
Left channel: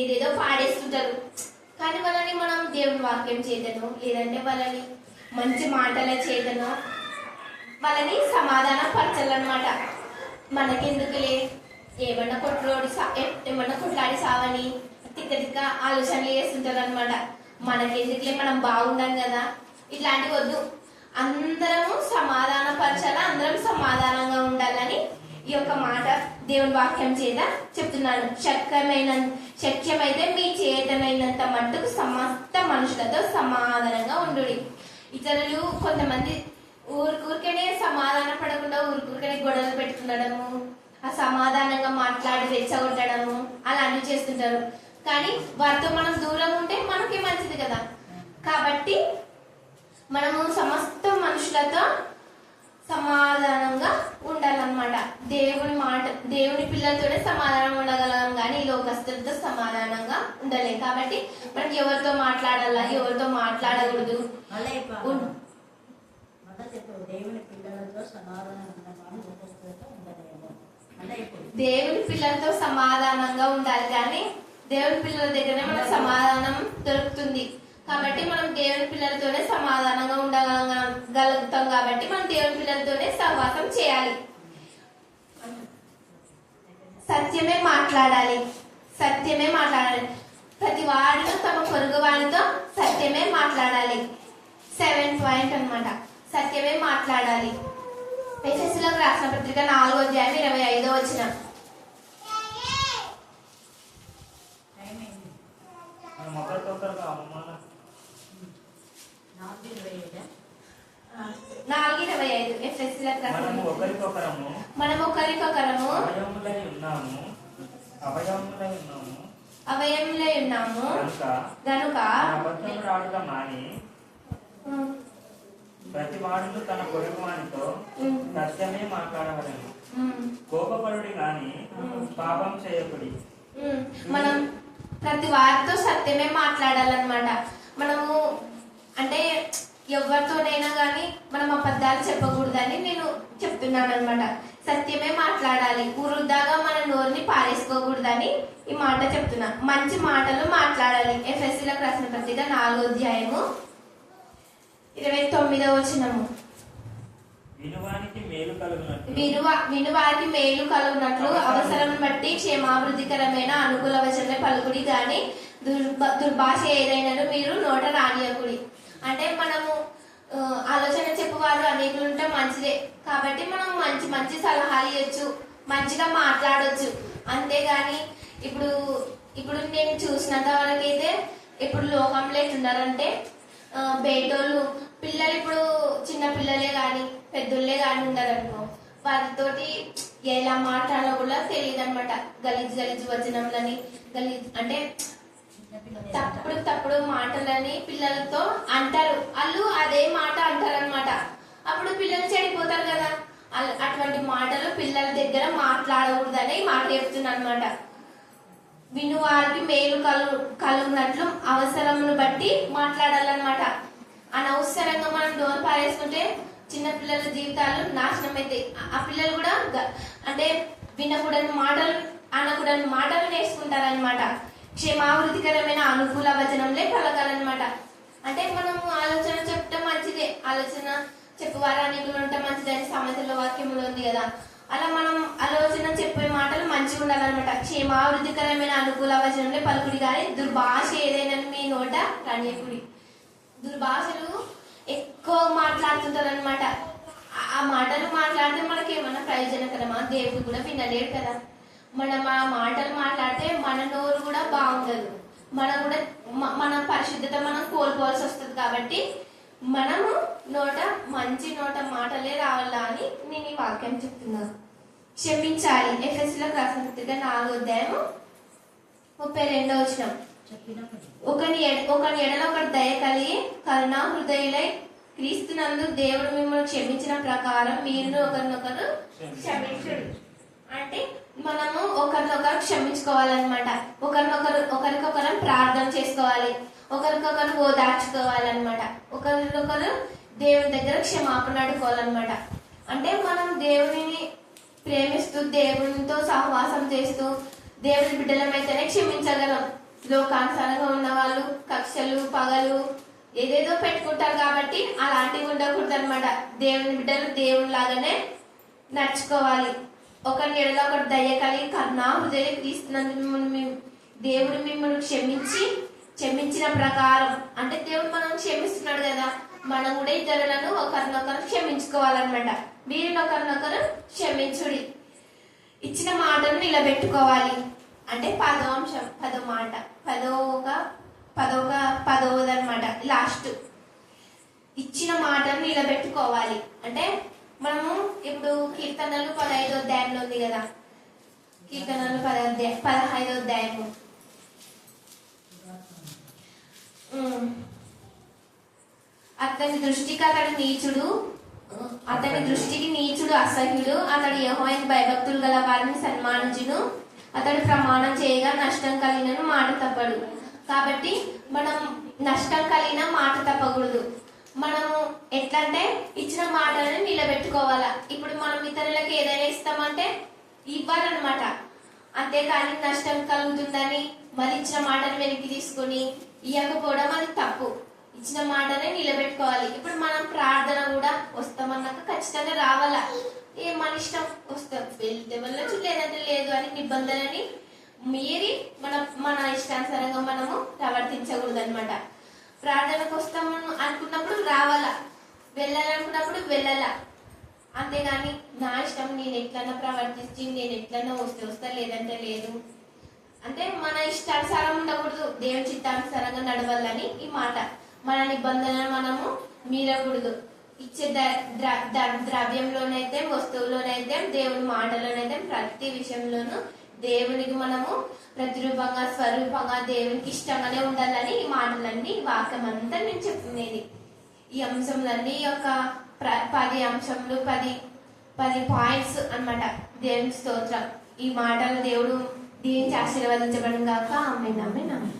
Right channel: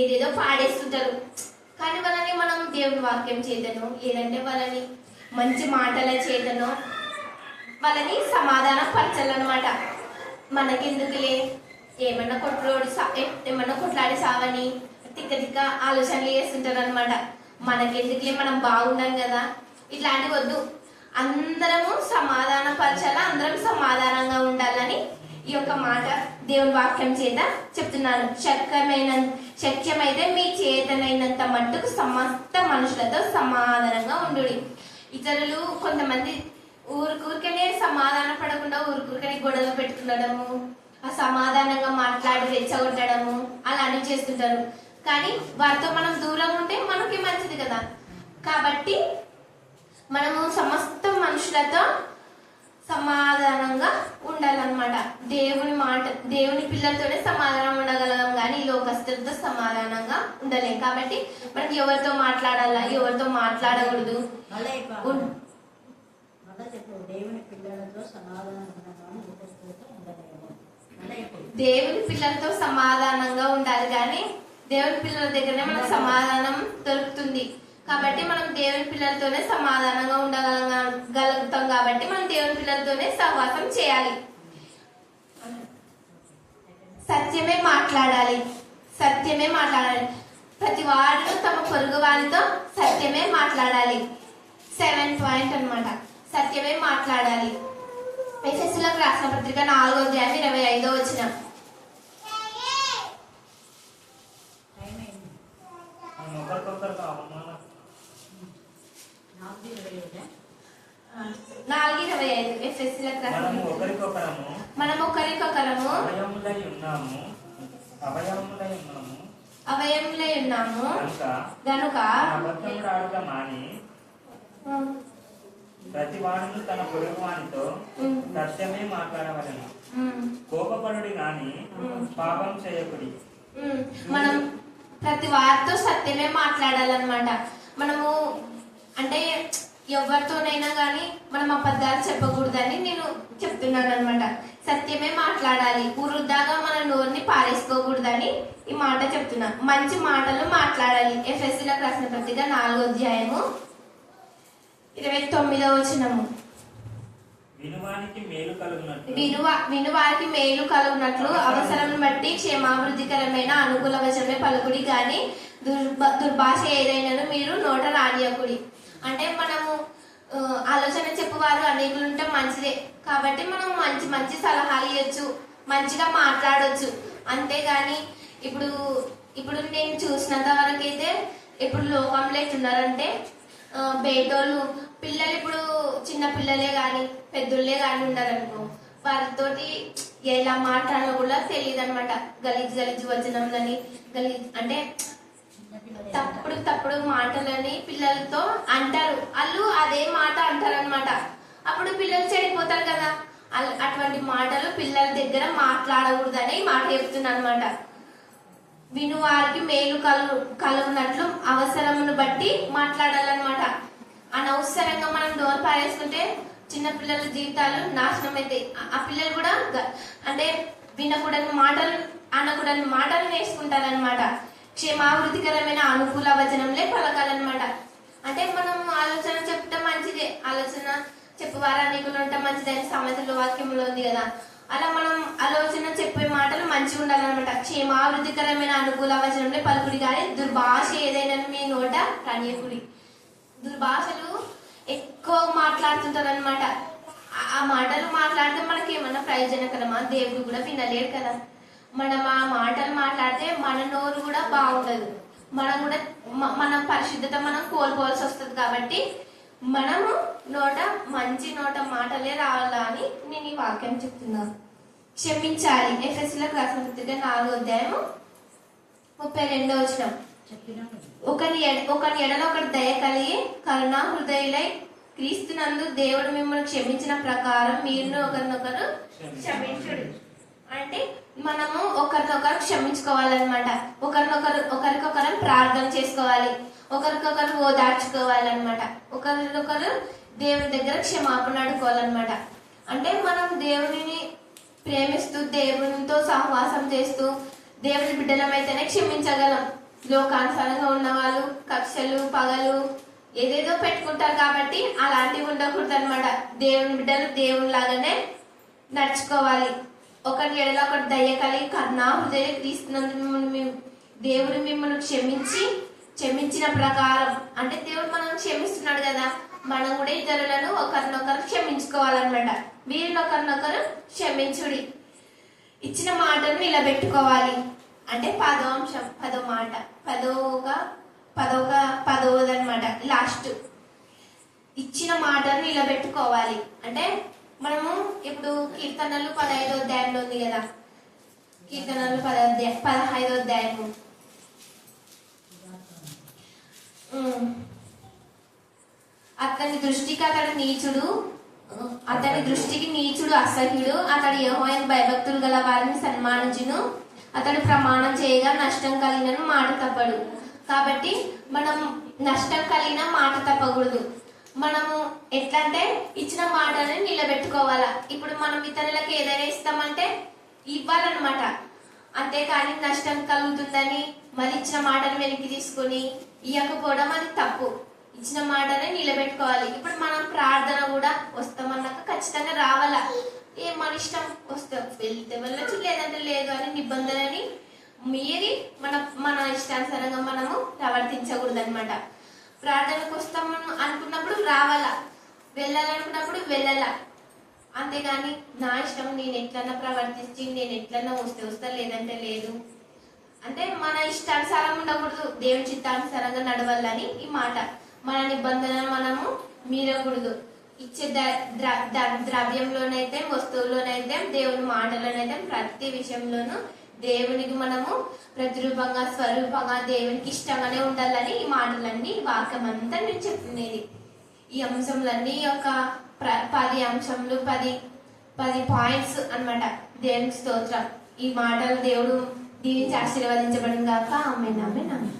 ఏదేదో పాడేస్తుంటారు. కానీ వాళ్ళని మనం దేవుని వాక్యం చేతను, లేదంటే వాళ్ళని మంచి మాటల చేతను వాళ్ళని సమాధానం పరచాలన్నమాట. మనకెందుకులే ఏమన్నా కొట్లాడి సావని తిక్క ఆలోచనలు చేస్తుంటారు అనమాట. మనకెందుకులే, మనం బాగున్నాం కదా, ఇట్లాంటివి వద్దు. అందరము సమాధాన పరచాల, అందరం సమాధానంగా ఉండాలని ఈ యొక్క మాట దేవుని వాక్యం చేత చెప్తున్నాను. శక్యమైతే మీ చేతనైనంత మట్టుకు సమస్త మనుషులతో సమాధానంగా ఉండు. ఇతరులు కొంతమంది ఊరికనే సమాధాన పడకుండా ఊరికనే గొడవలు పెట్టుకుండడము, ఆ సమాధానంగా మాట్లాడి రెచ్చగొట్టడము అలాంటివి చేస్తుంటారు. కానీ వారితో మనం దూరంగా ఉంటే మనకి మంచిది కదా. కాబట్టి మనము సమస్త మనుషులతో సమాధానంగా ఉండాలన్నమాట. దేవుని పిల్లలతోనే సమాధానం ఉండగలం, కానీ లోకస్తులతో సమాధానంగా ఉండలేం. కాబట్టి మనకి ఎవరితో మాట్లాడాలా, ఎవరితో మాట్లాడకూడదు. దేవుని పిల్లలతో సమాధానంగా ఉండాలి, కానీ దేవుని పిల్లల దగ్గరనే మనకు సమాధానం దొరుకుతుంది. కాబట్టి మనం దేవుని పిల్లలతోనే సమాధానంగా ఉండగలుగుతాం. కాబట్టి మనం దేవుని పిల్లలతోనే సహవాసం చేయాలి. సత్యమే మాట్లాడాలి. ప్రతి వారితో తమ పొరుగు వారితో సత్యమే మాట్లాడాలి. 7th పాయింట్ అన్నమాట. సత్యమే మాట్లాడాలి. ఎఫెసీయులకు రాసిన పత్రిక 4:25. మనం ఒకరికొకరము అవయములై ఉన్నాము గనుక ప్రతి వాడును తన పొరుగు వానితో సత్యమే మాట్లాడవలను. కోపపడుడి గాని పాపం చేయకుడి. మనం ప్రతి వారితో సత్యమే మాట్లాడాలన్నమాట. మనము అంటే ఎవరితోనైనా గాని మనం అబద్ధాలు చెప్పకూడదని నేను చెప్తున్నాను అనమాట. సత్యమే మాట్లాడాలి, వృధాగా మన నోరుని పారేసుకోకూడదని ఈ మాట చెప్తున్నా. మంచి మాటలు మాట్లాడాలి. ఎఫెసీయులకు రాసిన పత్రిక 4వ అధ్యాయము 29వ వచనము. వినువానికి మేలు కలుగునట్లు వినువారికి మేలు కలుగునట్లు అవసరం బట్టి క్షేమాభివృద్ధికరమైన అనుకూల వచనమే పలుకుడి గాని దుర్భాష ఏదైనా మీరు నోట రానియకుడి. అంటే మనము ఆలోచన చెప్పువారు అనేకులు ఉంటే మంచిదే కాబట్టి మనం మంచి మంచి సలహాలు ఇవ్వచ్చు, మంచిగా మాట్లాడొచ్చు. అంతేగాని ఇప్పుడు నేను చూసినంత వరకు అయితే ఇప్పుడు లోకంలో ఎట్లున్నారంటే బయటోళ్ళు పిల్లలు, ఇప్పుడు చిన్న పిల్లలే గాని పెద్దోళ్ళే గాని ఉండాలనుకో, వారితోటి ఎలా మాట్లాడాలో కూడా తెలియదు అనమాట. గలీజ్ వచనంలని అంటే తప్పుడు మాటలని పిల్లలతో అంటారు. వాళ్ళు అదే మాట అంటారనమాట. అప్పుడు పిల్లలు చెడిపోతారు కదా. అటువంటి మాటలు పిల్లల దగ్గర మాట్లాడకూడదని మాట చెప్తున్నా అనమాట. వినువారికి మేలు కలుగునట్లు అవసరమును బట్టి మాట్లాడాలన్నమాట. అనవసరంగా మనం డోర్ పారేసుకుంటే చిన్న పిల్లల జీవితాలు నాశనం అవుతాయి. ఆ పిల్లలు కూడా అంటే వినకూడని మాటలు అనకూడని మాటలు నేర్చుకుంటారనమాట. క్షేమాభివృద్ధికరమైన అనుకూల వచనంలే పలకాలన్నమాట. అంటే మనం ఆలోచన చెప్తే మంచిదే, ఆలోచన చెప్పువారు అనేకులు ఉంటే మంచిదే అని సామెతల వాక్యంలో ఉంది కదా. అలా మనం ఆలోచన చెప్పే మాటలు మంచిగా ఉండాలన్నమాట. క్షేమాభివృద్ధికరమైన అనుకూల వచనంలో పలుకుడి కానీ దుర్భాష ఏదైనా మీ నోట రానియకుడి. దుర్భాషలు ఎక్కువ మాట్లాడుతుంటారు అనమాట. ఆ మాటలు మాట్లాడితే మనకి ఏమన్నా ప్రయోజనకరమా? దేవుడు కూడా వినలేడు కదా. మనం ఆ మాటలు మాట్లాడితే మన నోరు కూడా బాగుండదు, మన పరిశుద్ధత మనం కోల్పోవాల్సి వస్తుంది. కాబట్టి మనము మంచి నోట మాటలే రావాలా అని నేను ఈ వాక్యం చెప్తున్నాను. క్షమించాలి. ఎఫెసీయులకు రాసిన పత్రిక 4వ అధ్యాయము 32వ వచనం. ఒకని ఎడల ఒకటి దయ కలిగి కరుణా హృదయులై క్రీస్తునందు దేవుడు మిమ్మల్ని క్షమించిన ప్రకారం మీరు ఒకరినొకరు క్షమించుడు. అంటే మనము ఒకరినొకరు క్షమించుకోవాలన్నమాట. ఒకరికొకరు ప్రార్థన చేసుకోవాలి, ఒకరికొకరు ఓదార్చుకోవాలన్నమాట. ఒకరికొకరు దేవుని దగ్గర క్షమాపణ అడుకోవాలన్నమాట. అంటే మనం దేవునిని ప్రేమిస్తూ దేవునితో సహవాసం చేస్తూ దేవుని బిడ్డలమైతేనే క్షమించగలం. లోకానుసారంగా ఉన్న వాళ్ళు కక్షలు పగలు ఏదేదో పెట్టుకుంటారు కాబట్టి అలాంటివి ఉండకూడదు అనమాట. దేవుని బిడ్డలు దేవుని లాగానే నడుచుకోవాలి. ఒకరి ఎడల ఒకటి దయ కలిగి కరుణా హృదయం తీస్తున్నందుకు దేవుడు మిమ్మల్ని క్షమించిన ప్రకారం, అంటే దేవుడు మనం క్షమిస్తున్నాడు కదా, మనం కూడా ఇతరులను ఒకరినొకరు క్షమించుకోవాలన్నమాట. మీరు ఒకరినొకరు క్షమించుడి. ఇచ్చిన మాటను నిలబెట్టుకోవాలి. అంటే 10వ అంశం, 10వ మాట, పదవదన్నమాట. లాస్ట్ ఇచ్చిన మాటను నిలబెట్టుకోవాలి. అంటే మనము ఇప్పుడు కీర్తనలు 15వ అధ్యాయంలో ఉంది కదా. కీర్తనలు 15వ అధ్యాయము అతని దృష్టికి నీచుడు అసహ్యుడు. అతడు యెహోవాను భయభక్తులు గల వారిని సన్మానించును. అతడు ప్రమాణం చేయగా నష్టం కలిగిన మాట తప్పడు. కాబట్టి మనం నష్టం కలిగిన మాట తప్పకూడదు. మనము ఎట్లంటే ఇచ్చిన మాటలను నిలబెట్టుకోవాలా. ఇప్పుడు మనం ఇతరులకు ఏదైనా ఇస్తామంటే ఇవ్వాలన్నమాట. అంతేకాని నష్టం కలుగుతుందని మళ్ళీ ఇచ్చిన మాటను వెనక్కి తీసుకుని ఇవ్వకపోవడం అది తప్పు. ఇచ్చిన మాటనే నిలబెట్టుకోవాలి. ఇప్పుడు మనం ప్రార్థన కూడా వస్తామన్నాక ఖచ్చితంగా రావాలా. మన ఇష్టం వస్తాం, వెళ్తే వెళ్ళచ్చు లేదంటే లేదు అని నిబంధనని మీరి మన ఇష్టానుసారంగా మనము ప్రవర్తించకూడదు అనమాట. ప్రార్థనకు వస్తాము అనుకున్నప్పుడు రావాలా, వెళ్ళాలనుకున్నప్పుడు వెళ్ళాలా. అంతేగాని నా ఇష్టం నేను ఎట్లన్నా ప్రవర్తించి నేను ఎట్లన్నా వస్తా లేదంటే లేదు అంటే మన ఇష్టానుసారం ఉండకూడదు. దేవుని చిత్తానుసారంగా నడవాలని ఈ మాట. మన నిబంధనలు మనము మీరకూడదు. ఇచ్చే ద్రవ్యంలోనైతే వస్తువులోనైతే దేవుని మాటలోనైతే ప్రతి విషయంలోనూ దేవునికి మనము ప్రతిరూపంగా స్వరూపంగా దేవునికి ఇష్టంగానే ఉండాలని ఈ మాటలన్నీ వాక్యం అంతా నేను చెప్తున్నది. ఈ అంశంలన్నీ ఒక 10 అంశంలు 10 పాయింట్స్ అన్నమాట. దేవునికి స్తోత్రం. ఈ మాటలు దేవుడు దీనికి ఆశీర్వదించబడిన దాకా ఆమేన్ ఆమేన్ ఆమేన్.